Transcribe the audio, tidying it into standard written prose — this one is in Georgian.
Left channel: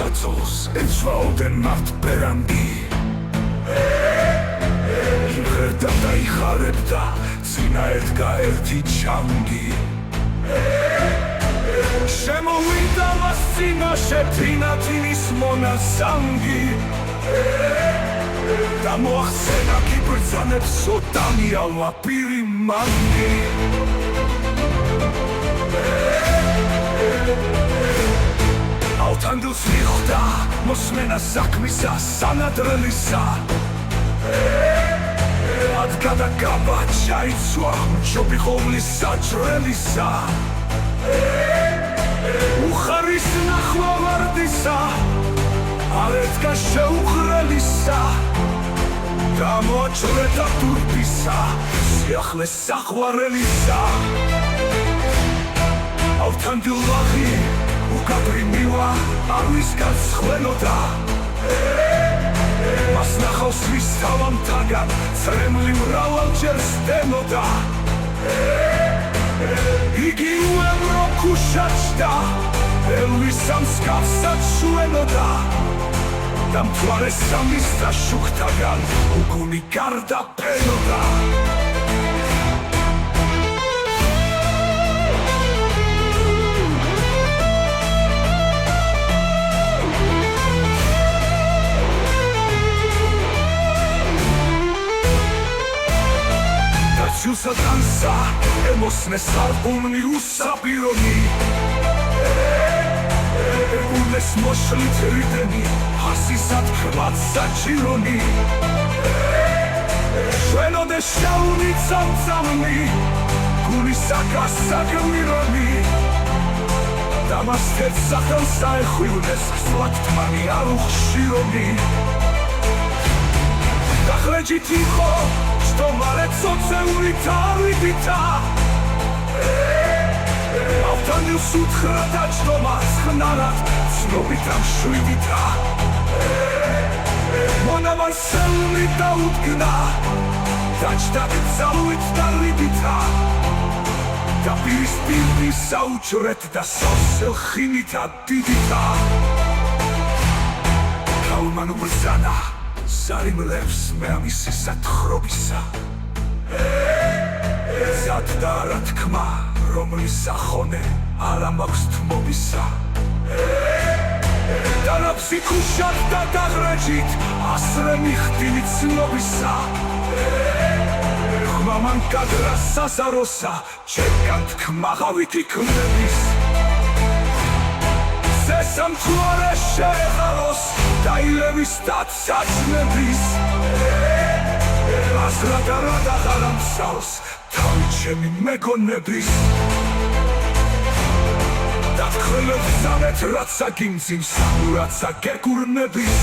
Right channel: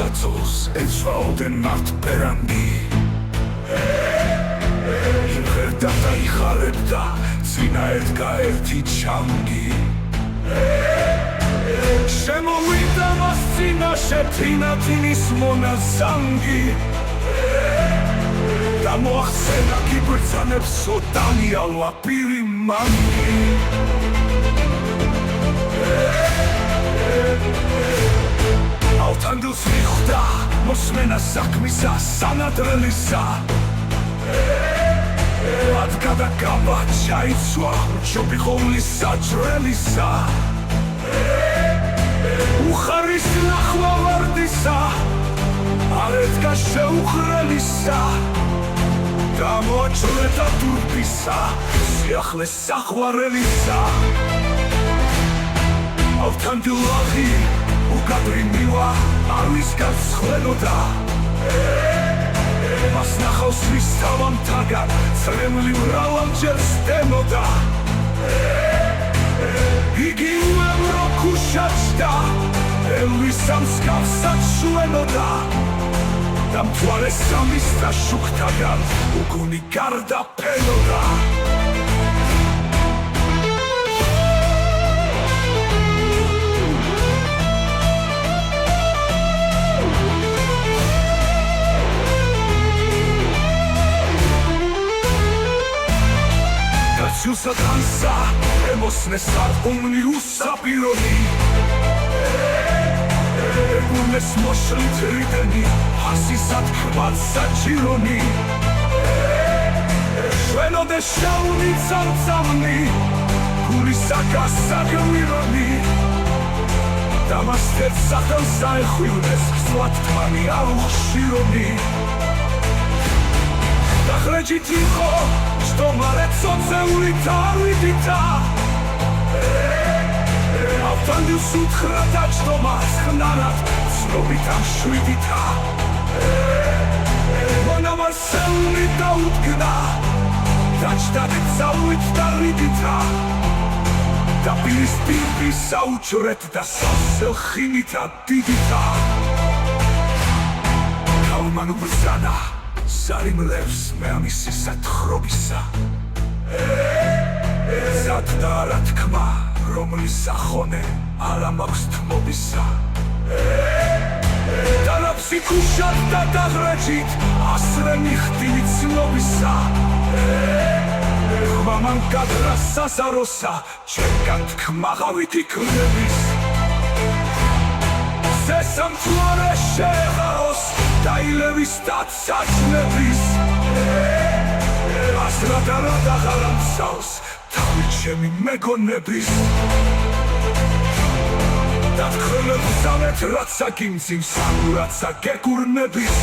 საწოლს ეცვაოდენ მათ პერანგი ჟღერდა და იხარებდა წინა ედგა ერთი ჩანგი შემოვიდა მას წინაშე თინათინის მონაზანგი და მოახსენა გიბრძანებს ოდანიალვა პირი მანგი ალთანგელს მიხვდა მოსმენა საქმისა სანადრელისა ადგა და გაბა ჩაიცვა მჯობი ხოვლის საჭრელისა უხარის ნახვა ვარდისა არ ედგა შეუხრელისა და მოაჭრედა დურბისა სიახლეს საყვარელისა ალთანგელაღი უკაბრი მივა არვის გაცხვენოდა მას ნახავს ვის თავამთაგან წრემლი მრავალჯერ სტენოდა იგი უემრო ქუშაჩდა ელვის ამსგავსად შვენოდა და მთვარე სამის და შუქთაგან უგუნი გარდა ფენოდა Ciusa dansa, emosnes arumni usapironi Egunes moshlit rideni, hasisat kvat sačironi Švenode šauni camcamni, kulisaka sagmironi Damastet sahel saehvivnes, slatmani aruhshironi Dahređi tiho, što malet soceuli tarvidita Avtandil suthrada što mas hnarad Snobitam šuidita Monaman selni da utgna Dačtadim zaluit da ridita Da bilis pipi saučuret da sasel hinita didita Kalmanu brzana Sarimlevs me amisi satrobisa Zadda რა თქმა რომლის სახონე არ ამაქვს თმობისა და რაბსი ქუშად და დაღრეჯით ასრე მიხდილი ცნობისა ხმა მან გადრა სასაროსა ჩემგან თქმაღავით იქნების სესამთვარე შეღაროს დაილევის და საჭნების ასრადარადა ღარამსავს თავი ჩემი მეგონების და თქმებს სამეთ რაცა გიმძიმს სანურაცა გეკურნების